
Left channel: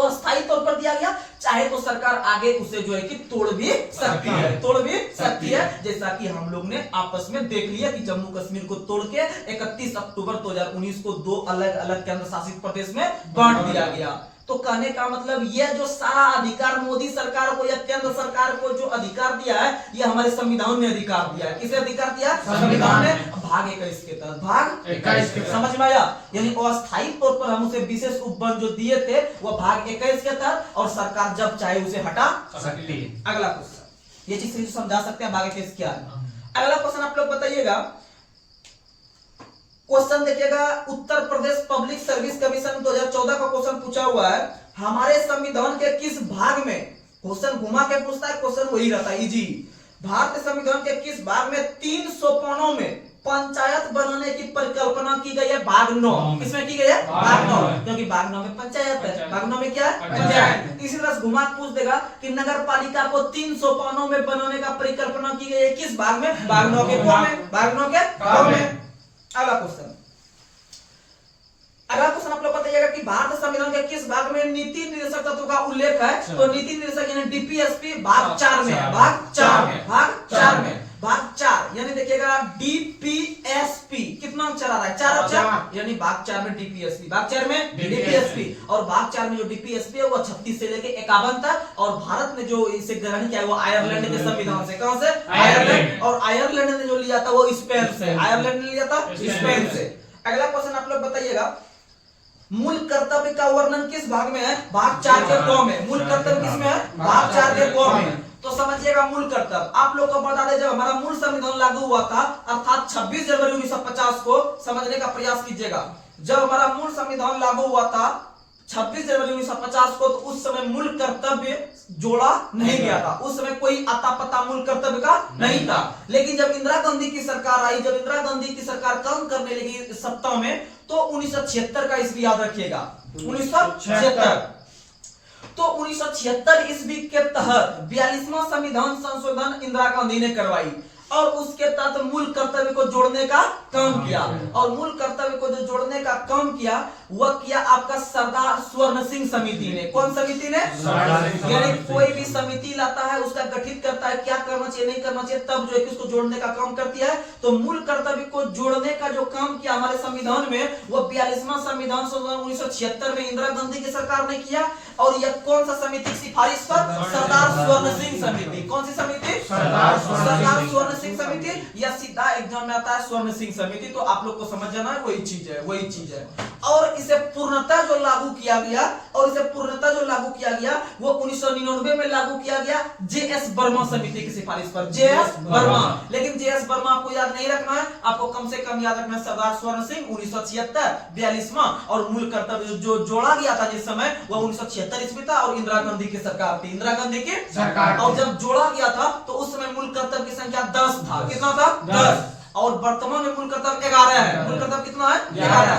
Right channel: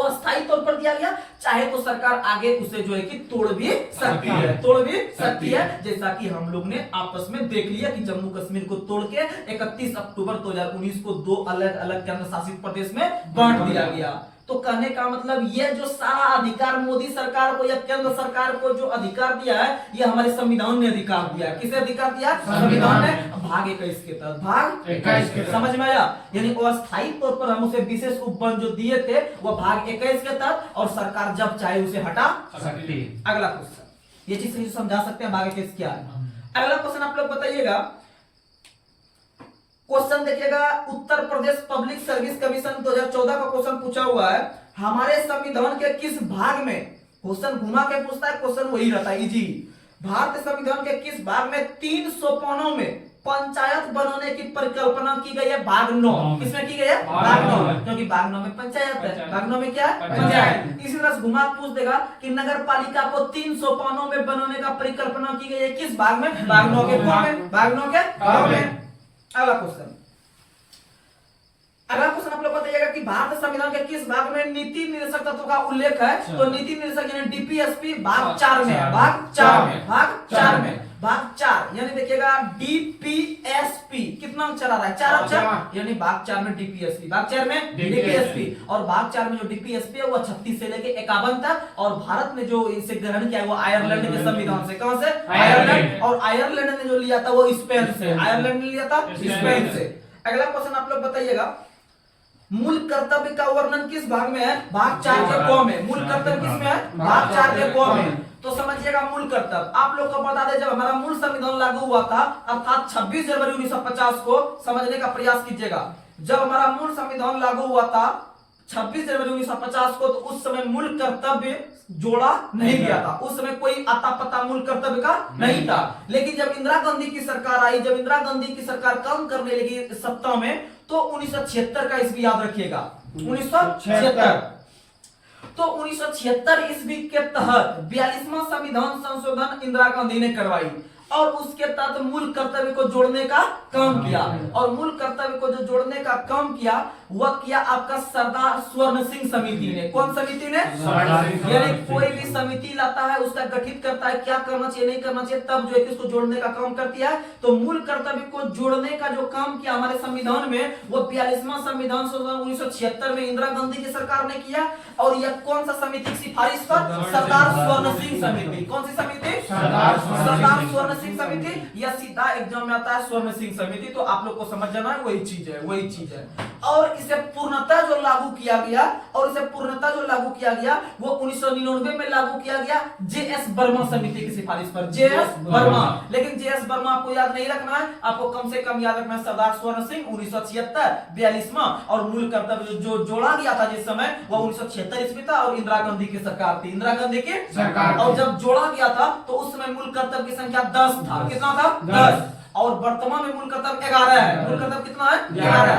अस्थायी तौर पर दिया गया। चाहे तो सरकार आगे उसे जो है कि तोड़ भी सकती है, जैसा कि हम लोग ने आपस में देख लिया कि जम्मू कश्मीर को तोड़ के 31 अक्टूबर 2019 को 2 अलग अलग केंद्र शासित प्रदेश में बांट दिया गया। तो कहने का मतलब यह जो सारा अधिकार मोदी सरकार को या केंद्र सरकार को जो अधिकार दिया है, यह हमारे संविधान ने अधिकार दिया है। किसे अधिकार दिया? संविधान ने। भाग 21 के तहत, समझ में आया? यानी अस्थायी तौर पर हम उसे विशेष उपबंध जो दिए थे वो भाग 21 के तहत, और सरकार जब चाहे उसे हटा सकती है। अगला क्वेश्चन, ये चीज समझा सकते हैं भाग 21 क्या है। अगला क्वेश्चन आप लोग बताइएगा, क्वेश्चन देखिएगा, Uttar Pradesh public service commission 2014 का क्वेश्चन पूछा हुआ है, हमारे संविधान के किस भाग में, क्वेश्चन घुमा के पूछता है, क्वेश्चन वही रहता है इजी। भारतीय संविधान के किस भाग में 3 सोपानों में पंचायत बनाने की परिकल्पना की गई है? भाग 9। किसमें की गई है? भाग 9, क्योंकि भाग 9 में पंचायत है। भाग 9 में क्या है? पंचायत। इसी तरह घुमा पूछ देगा कि नगर पालिका को 3 सोपानों में बनाने का परिकल्पना की गई है, किस भाग में? भाग 9 के क में। भाग 9 के क में। अगला क्वेश्चन आप लोग बताइएगा कि भारतीय संविधान के किस भाग में नीति निर्देशक तत्व का उल्लेख है? तो नीति निर्देशक यानी डीपीएसपी भाग 4 में है। भाग 4 यानी देखिएगा डीपीएसपी कितना अक्षर आ रहा है? 4 अक्षर, यानी भाग 4 में डीपीएसपी, भाग 4 में डीपीएसपी। और भाग 4 में जो डीपीएसपी है वो 36 से लेके 51 तक, और भारत ने जो इसे ग्रहण किया है वो आयरलैंड के संविधान से। कहां से? आयरलैंड। और आयरलैंड ने जो लिया था वो स्पेन से। आयरलैंड ने लिया था स्पेन से। अगला क्वेश्चन आप लोग बताइएगा, मूल कर्तव्य का वर्णन किस भाग में है? भाग 4 के क में। मूल कर्तव्य किस में है? भाग 4 के क में। तो समझिएगा मूल कर्तव्य। आप लोग को बता दें, जब हमारा मूल संविधान लागू हुआ था अर्थात 26 जनवरी 1950 को, समझने का प्रयास कीजिएगा। जब हमारा मूल संविधान लागू हुआ था 26 जनवरी 1950 को, तो उस समय मूल कर्तव्य जोड़ा नहीं गया था। उस समय कोई आता पता मूल कर्तव्य का नहीं था। लेकिन जब इंदिरा गांधी की सरकार आई, जब इंदिरा गांधी की सरकार काम करने लगी सत्ता में, तो 1976 का ईस्वी याद रखिएगा, 1976। तो 1976 ईस्वी के तहत 42वां संविधान संशोधन इंदिरा गांधी ने करवाई और उसके तहत मूल कर्तव्य को जोड़ने का काम किया। और मूल कर्तव्य को जो जोड़ने का काम किया वह किया आपका सरदार स्वर्ण सिंह समिति ने। कौन समिति ने? यानी कोई भी समिति लाता है, उसका गठित करता है, क्या करना चाहिए नहीं करना चाहिए, तब जो है कि उसको जोड़ने का काम करती है। तो मूल कर्तव्य को जोड़ने का जो काम किया हमारे संविधान में, वो 42वां संविधान संशोधन 1976 में इंदिरा गांधी की सरकार ने किया। और यह कौन सा समिति की सिफारिश पर? सरदार स्वर्ण सिंह समिति। कौन सी समिति? सरदार स्वर्ण सिंह समिति। यह सीधा एग्जाम में आता है, स्वर्ण सिंह समिति। तो आप लोग को समझ जाना है, वही चीज है, वही चीज है। और इसे पूर्णतः जो लागू किया गया, वो 1999 में लागू किया गया जेएस वर्मा समिति की सिफारिश पर। जेएस वर्मा। लेकिन जेएस वर्मा आपको याद नहीं रखना है, आपको कम से कम याद रखना है सरदार स्वर्ण सिंह 1976 42वां। और मूल कर्तव्य जो जोड़ा गया था जिस समय, वह 1976 ईस्वी था और इंदिरा गांधी की सरकार थी, इंदिरा गांधी की सरकार। और जब जोड़ा गया था तो उस समय मूल कर्तव्य की संख्या 10 था। कितना था? 10। और वर्तमान में मूल कर्तव्य 11 है। मूल कर्तव्य कितना है? 11।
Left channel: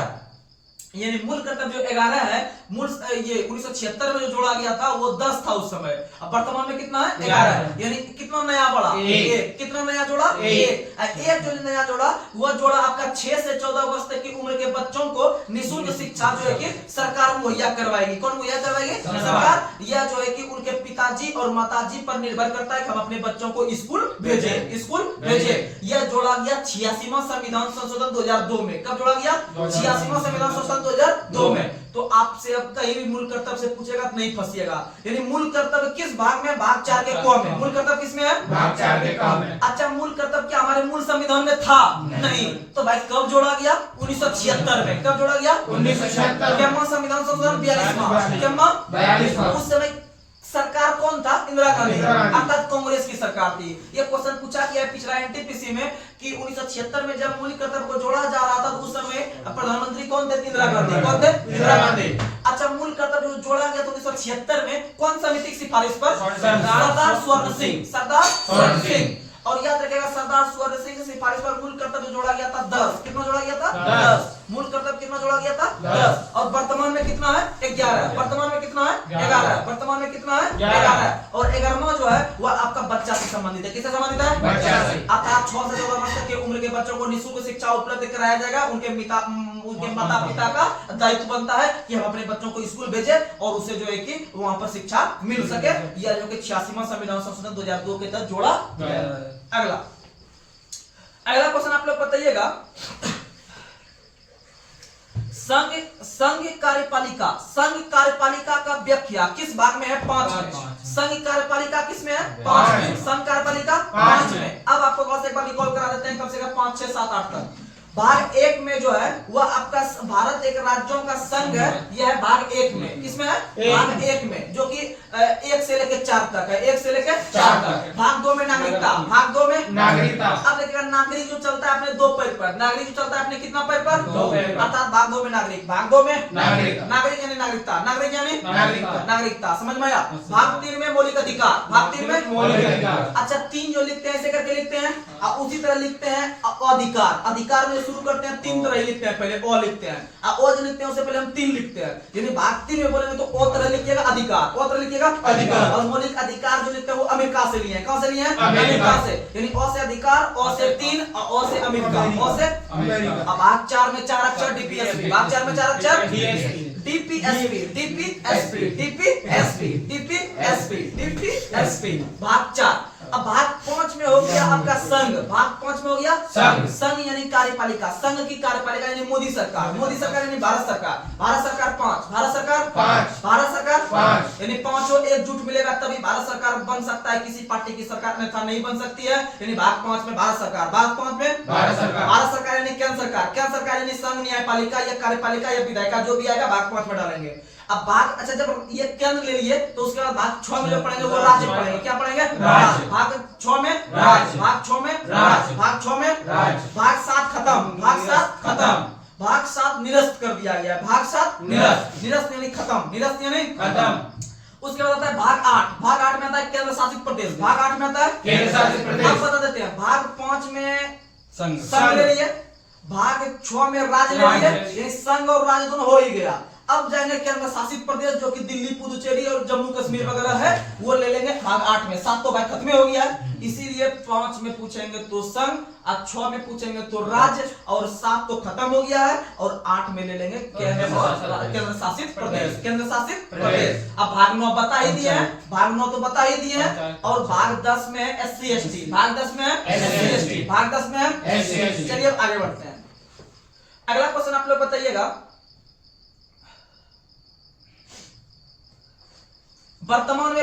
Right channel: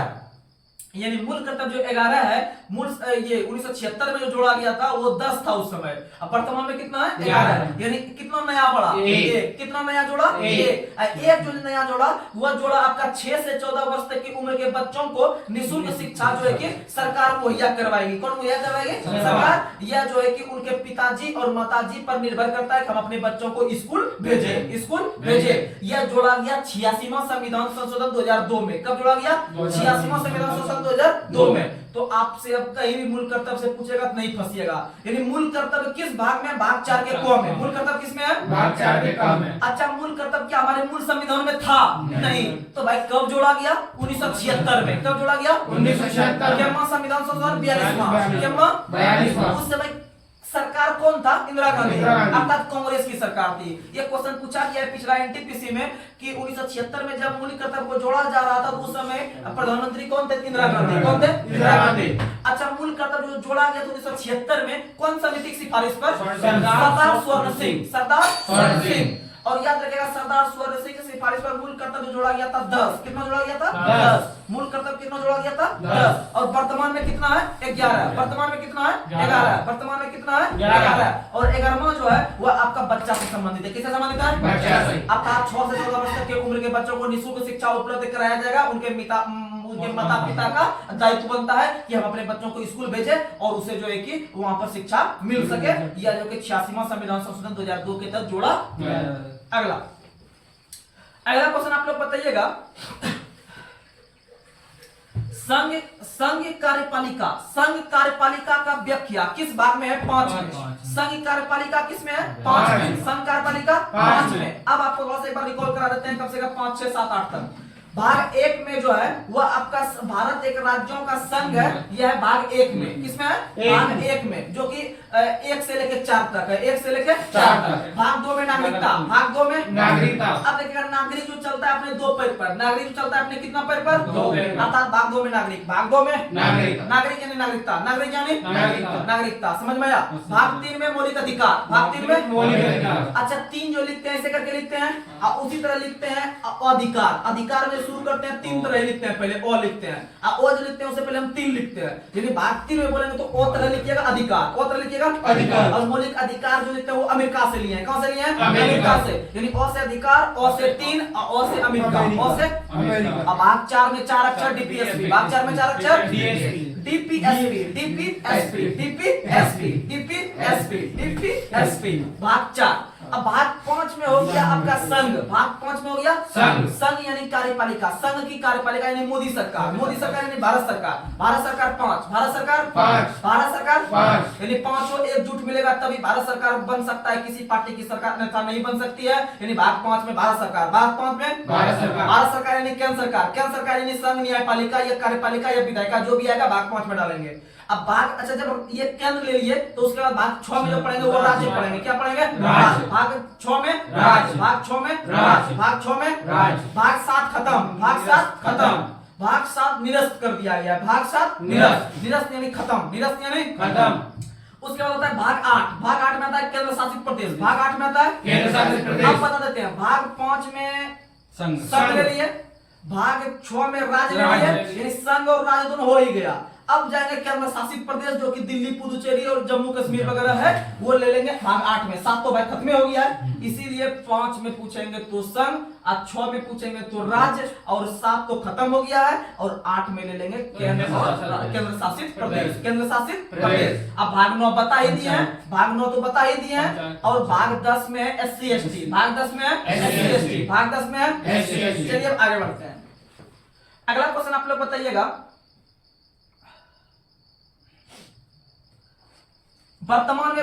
यानी मूल कर्तव्य जो 11 है, मूल ये 1976 में जो जोड़ा गया था वो 10 था उस समय। अब वर्तमान में कितना है? 11 है। यानी कितना नया बढ़ा? 1। कितना नया जोड़ा? 1 जो नया जोड़ा, वह जोड़ा आपका 6 से 14 वर्ष तक की उम्र के बच्चों को निःशुल्क शिक्षा जो है कि सरकार मुहैया करवाएगी। कौन मुहैया करवाएगी? सरकार। यह जो है कि उनके पिताजी और माताजी पर निर्भर करता है कि हम अपने बच्चों को स्कूल भेजे। यह जोड़ा गया 86वां संविधान संशोधन 2002 में। कब जोड़ा गया? 86वां संविधान संशोधन 2002 में। तो आपसे अब कहीं भी मूल कर्तव्य से पूछेगा तो नहीं फंसिएगा। यानी मूल कर्तव्य किस भाग में? भाग 4 के क में। मूल कर्तव्य किसमें है? भाग 4 के क में। अच्छा, मूल कर्तव्य क्या हमारे मूल संविधान में था? नहीं। तो भाई कब जोड़ा गया? 1976 में। कब जोड़ा गया? 1976। क्या संविधान संशोधन 42वां। उस समय सरकार कौन था? इंदिरा गांधी, अर्थात कांग्रेस की सरकार थी। ये क्वेश्चन पूछा गया है पिछला एनटीपीसी में कि 1976 में जब मूल कर्तव्य को जोड़ा जा रहा था तो उस समय प्रधानमंत्री कौन थे? इंदिरा गांधी। कौन थे? इंदिरा गांधी। अच्छा, मूल कर्तव्य जो जोड़ा गया तो 1976 में कौन समिति की सिफारिश पर? सरदार स्वर्ण सिंह। सरदार स्वर्ण सिंह। और याद रखिएगा सरदार स्वर्ण सिंह की सिफारिश पर मूल कर्तव्य जोड़ा गया था 10। कितना जोड़ा गया था? 10। मूल कर्तव्य कितना जोड़ा गया था? 10। और वर्तमान में कितना है? 11। वर्तमान में कितना है? 11। वर्तमान में कितना है? 11। और 11वां जो है वह आपका बच्चा से संबंधित है। किससे संबंधित है? बच्चा से। अर्थात 6 से 14 वर्ष तक की उम्र के बच्चों को निःशुल्क शिक्षा उपलब्ध कराया जाएगा। उनके माता पिता का दायित्व बनता है कि हम अपने बच्चों को स्कूल भेजें और उसे जो है कि वहां पर शिक्षा मिल सके। यह जो कि 86वां संविधान संशोधन 2002 के तहत जोड़ा। अगला क्वेश्चन आप लोग बताइएगा, संघ कार्यपालिका का व्याख्या किस भाग में है? 5 में। संघ कार्यपालिका किस में है? 5 में। संघ कार्यपालिका 5 में। अब आपको बस एक बार रिकॉल करा देते हैं, कम से कम 5, 6, 7, 8 तक। भाग 1 में जो है वह आपका भारत एक राज्यों का संघ है। यह है भाग 1 में। किसमें है? भाग 1 में, जो कि 1 से लेकर 4 तक है। 1 से लेकर 4 तक। भाग 2 में नागरिकता। भाग 2 में नागरिकता। अब देखिएगा, नागरिक जो चलता है अपने 2 पैर पर। नागरिक जो चलता है अपने कितना पैर पर? 2 पैर पर। अर्थात भाग 2 में नागरिक। भाग 2 में नागरिक यानी नागरिकता। नागरिक यानी नागरिकता। समझ में आया? भाग 3 में मौलिक अधिकार। भाग 3 में मौलिक अधिकार। अच्छा, 3 जो लिखते हैं ऐसे करके लिखते हैं, उसी तरह लिखते हैं अधिकार। अधिकार में शुरू करते हैं 3 तरह लिखते हैं, पहले ओ लिखते हैं, ओ जो लिखते हैं उससे पहले हम 3 लिखते हैं। यदि भाग 3 में बोलेंगे तो ओ तरह लिखिएगा अधिकार, ओ तरह लिखिएगा अधिकार। और मौलिक अधिकार जो लिखते हैं वो अमेरिका से लिए हैं। कहां से लिए हैं? अमेरिका से। यानी ओ से अधिकार, ओ से 3, ओ से अमेरिका, ओ से अमेरिका। अब भाग 4 में 4 अक्षर डीपीएसपी। भाग 4 में 4 अक्षर डीपीएसपी। भाग 4। अब भाग 5 में हो गया आपका संघ। भाग 5 में हो गया संघ यानी कार्यपालिका। संघ की कार्यपालिका यानी मोदी सरकार। मोदी सरकार यानी भारत सरकार। भारत सरकार 5। भारत सरकार 5। भारत सरकार पांच। यानी पांचों एकजुट मिलेगा तभी भारत सरकार बन सकता है, किसी पार्टी की सरकार अन्यथा नहीं बन सकती है। यानी भाग 5 में भारत सरकार, भाग 5 में भारत सरकार यानी केंद्र सरकार, केंद्र सरकार यानी संघ, न्यायपालिका या कार्यपालिका या विधायिका, जो भी आएगा भाग 5 में डालेंगे। अब भाग, अच्छा जब ये केंद्र ले लिए तो उसके बाद भाग 6 में जो पढ़ेंगे वो राज्य पढ़ेंगे। क्या पढ़ेंगे? राज्य। भाग 6 में राज्य, भाग 6 में राज्य, भाग 6 में राज्य, भाग 7 खत्म, भाग 7 खत्म, भाग 7 निरस्त कर दिया गया, भाग 7 निरस्त, निरस्त यानी खत्म, निरस्त यानी खत्म। उसके बाद आता है भाग 8, भाग 8 में आता है केंद्र शासित प्रदेश, भाग 8 में आता है केंद्र शासित प्रदेश। अब बता देते हैं, भाग 5 में संघ संघ ले लिए, भाग 6 में राज्य ले लिए, ये संघ और राज्य दोनों हो ही गया। अब जाएंगे केंद्र शासित प्रदेश जो कि दिल्ली, पुदुचेरी और जम्मू कश्मीर वगैरह है, वो ले लेंगे भाग 8 में। 7 तो भाई खत्म हो गया है, इसीलिए 5 में पूछेंगे तो संघ, अब 6 में पूछेंगे तो राज्य, और 7 तो खत्म हो गया है, और 8 में ले लेंगे केंद्र शासित प्रदेश, केंद्र शासित प्रदेश। अब भाग 9 बता ही दिए हैं, भाग 9 तो बता ही दिए हैं, और भाग 10 में SC ST, भाग 10 में SC ST, भाग 10 में SC ST। चलिए अब आगे बढ़ते हैं। अगला क्वेश्चन आप लोग बताइएगा, वर्तमान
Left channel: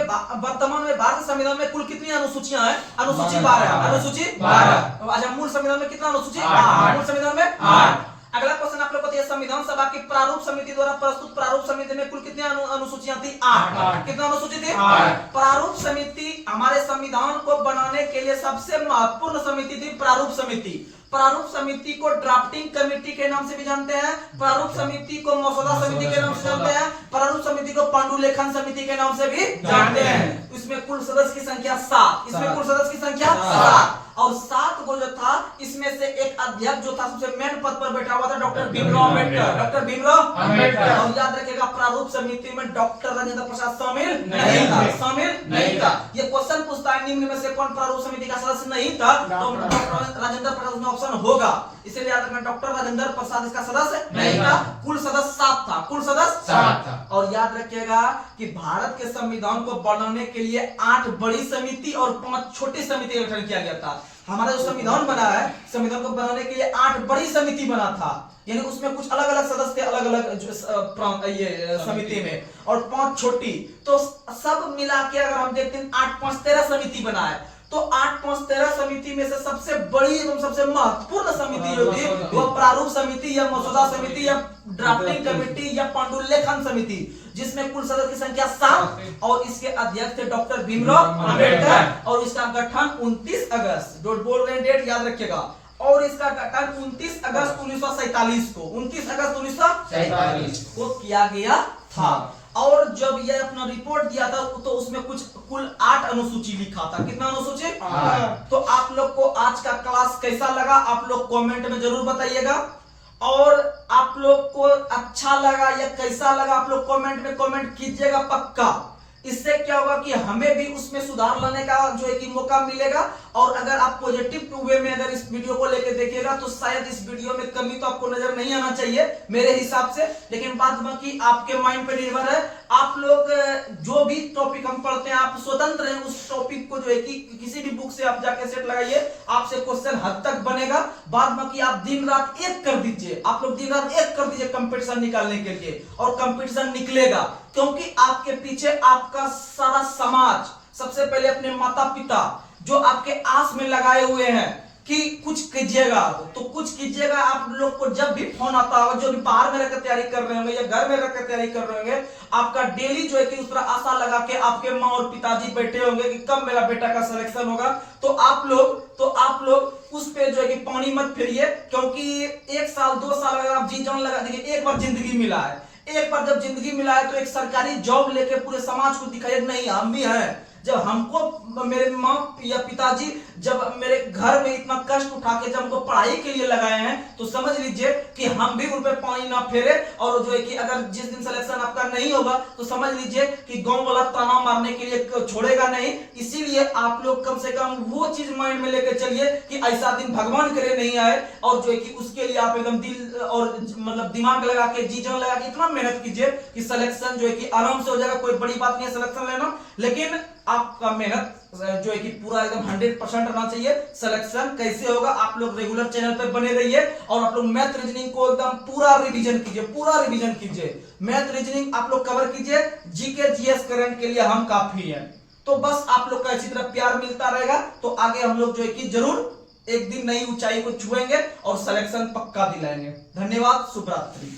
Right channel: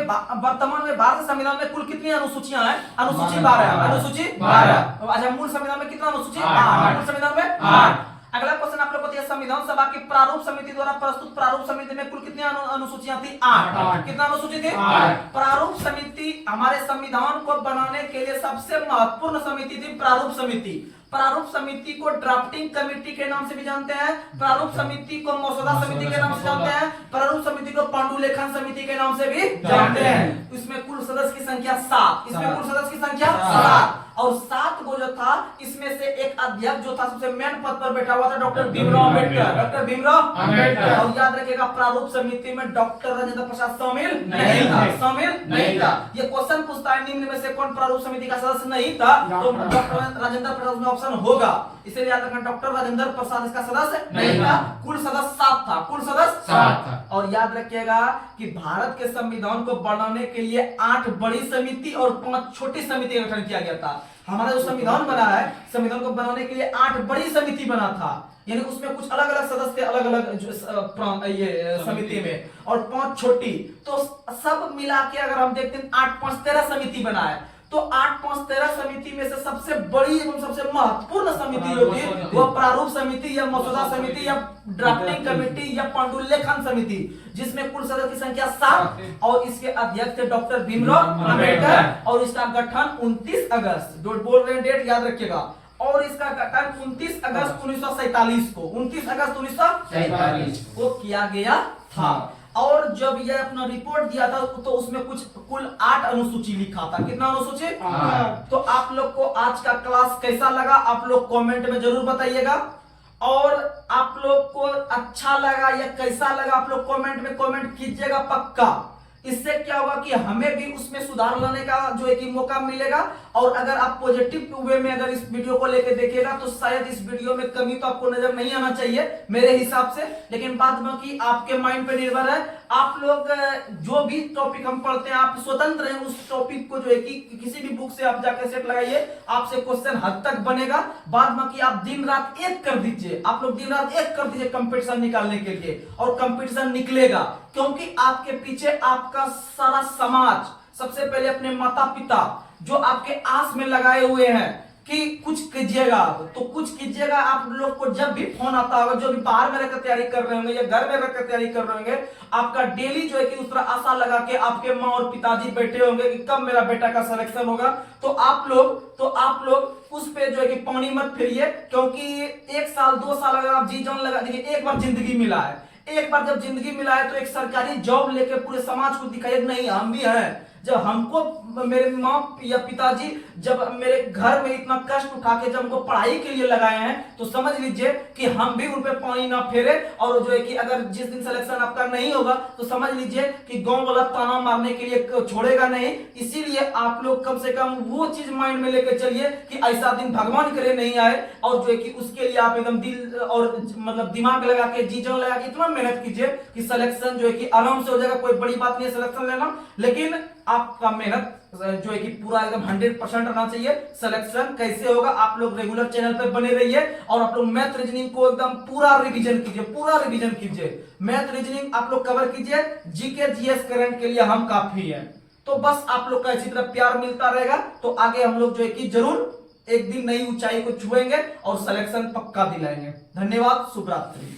में भारत संविधान में कुल कितनी अनुसूचियां हैं? अनुसूची 12, अनुसूची 12। अच्छा, मूल संविधान में कितना अनुसूची? 8। मूल संविधान में 8। अगला क्वेश्चन आप लोग को दिया, संविधान सभा की प्रारूप समिति द्वारा प्रस्तुत प्रारूप समिति में कुल कितनी अनुसूचियां थी? 8। कितना अनुसूची थी? 8। प्रारूप समिति हमारे संविधान को बनाने के लिए सबसे महत्वपूर्ण समिति थी प्रारूप समिति। प्रारूप समिति को ड्राफ्टिंग कमेटी के नाम से भी जानते हैं, प्रारूप समिति को मसौदा समिति के नाम से जानते हैं, प्रारूप समिति को पांडुलेखन समिति के नाम से भी जानते हैं। इसमें कुल सदस्य की संख्या 7, इसमें कुल सदस्य की संख्या 7, और 7 को जो था इसमें से एक अध्यक्ष जो था सबसे मेन पद पर बैठा हुआ था डॉक्टर भीमराव अम्बेडकर, डॉक्टर भीमराव अम्बेडकर। और याद रखिएगा प्रारूप समिति में डॉक्टर राजेंद्र प्रसाद शामिल नहीं था, शामिल नहीं था। ये क्वेश्चन पूछता है निम्न में से कौन प्रारूप समिति का सदस्य नहीं था, तो डॉक्टर राजेंद्र प्रसाद में ऑप्शन होगा, इसलिए याद रखना डॉक्टर राजेंद्र प्रसाद इसका सदस्य नहीं था। कुल सदस्य 7 था, कुल सदस्य 7 था। और याद रखिएगा कि भारत के संविधान को बनाने के लिए 8 बड़ी समिति और 5 छोटी समिति का गठन किया गया था। हमारा जो संविधान बना है, संविधान को बनाने के लिए 8 बड़ी समिति बना था, यानी उसमें कुछ अलग अलग सदस्य थे अलग अलग ये समिति में, और 5 छोटी, तो सब मिला के अगर हम देखते हैं 8 5 13 समिति बना है। तो 8 5 13 समिति में से सबसे बड़ी एवं सबसे महत्वपूर्ण समिति जो थी वो प्रारूप समिति या मसौदा समिति या ड्राफ्टिंग कमेटी या पांडुलेखन समिति, जिसमें कुल सदस्य की संख्या 7, और इसके अध्यक्ष थे डॉक्टर भीमराव अम्बेडकर, और इसका गठन 29 अगस्त, बोल रहे हैं डेट याद रखिएगा, और इसका गठन 29 अगस्त 1947 को, 29 अगस्त 1947 को किया गया था। और जब यह अपना रिपोर्ट दिया था तो उसमें कुल 8 अनुसूची लिखा था। कितना अनुसूची? तो आप लोग को आज का क्लास कैसा लगा आप लोग कमेंट में जरूर बताइएगा, और आप लोग को अच्छा लगा या कैसा लगा आप लोग कमेंट में कमेंट कीजिएगा पक्का। इससे क्या होगा कि हमें भी उसमें सुधार लाने का जो है कि मौका मिलेगा, और अगर आप पॉजिटिव वे में अगर इस वीडियो को लेकर देखिएगा तो शायद इस वीडियो में कमी तो आपको नजर नहीं आना चाहिए मेरे हिसाब से, लेकिन बात बाकी आपके माइंड पे निर्भर है। आप लोग जो भी टॉपिक हम पढ़ते हैं आप स्वतंत्र हैं उस टॉपिक को जो है कि किसी भी बुक से आप जाके सेट लगाइए, आपसे क्वेश्चन हद तक बनेगा। बाद बाकी आप दिन रात एक कर दीजिए, आप लोग दिन रात एक कर दीजिए कंपटीशन निकालने के लिए, और कंपटीशन निकलेगा, क्योंकि आपके पीछे आपका सारा समाज, सबसे पहले अपने माता पिता जो आपके आस में लगाए हुए हैं कि कुछ कीजिएगा, तो कुछ कीजिएगा। आप लोग को जब भी फोन आता होगा, जो भी बाहर में रहकर तैयारी कर रहे होंगे या घर में रहकर तैयारी कर रहे होंगे, आपका डेली जो है कि उस पर आशा लगा के आपके माँ और पिताजी बैठे होंगे कि कब मेरा बेटा का सिलेक्शन होगा। तो आप लोग उस पे जो है कि पानी मत फिरिए, क्योंकि 1 साल 2 साल अगर आप जी जान लगा देंगे, एक बार जिंदगी मिला है, एक बार जब जिंदगी मिला है तो एक सरकारी जॉब लेके पूरे समाज को दिखाइए नहीं हम भी हैं। जब हमको मेरे माँ या पिताजी जब मेरे घर में इतना कष्ट उठा के जब हमको पढ़ाई के लिए लगाए हैं, तो समझ लीजिए कि हम भी उन पे पानी ना फेरे, और जो है कि अगर जिस दिन सिलेक्शन आपका नहीं होगा तो समझ लीजिए कि गांव वाला ताना मारने के लिए छोड़ेगा नहीं। इसीलिए आप लोग कम से कम वो चीज माइंड में लेकर चलिए कि ऐसा दिन भगवान करे नहीं आए, और जो है कि उसके लिए आप एकदम दिल और मतलब दिमाग लगा के जी जान लगा के इतना मेहनत कीजिए कि सिलेक्शन जो है कि आराम से हो जाएगा। कोई बड़ी बात नहीं है सिलेक्शन लेना, लेकिन आपका मेहनत जो है कि पूरा एकदम 100% रहना चाहिए। सिलेक्शन कैसे होगा, आप लोग रेगुलर चैनल पे बने रहिए और आप लोग मैथ रीजनिंग को एकदम पूरा रिवीजन कीजिए। मैथ रीजनिंग आप लोग कवर कीजिए, जीके जीएस करंट के लिए हम काफी हैं। तो बस आप लोग का इसी तरह प्यार मिलता रहेगा तो आगे हम लोग जो है कि जरूर एक दिन नई ऊंचाई को छुएंगे और सिलेक्शन पक्का दिलाएंगे। धन्यवाद, शुभ रात्रि।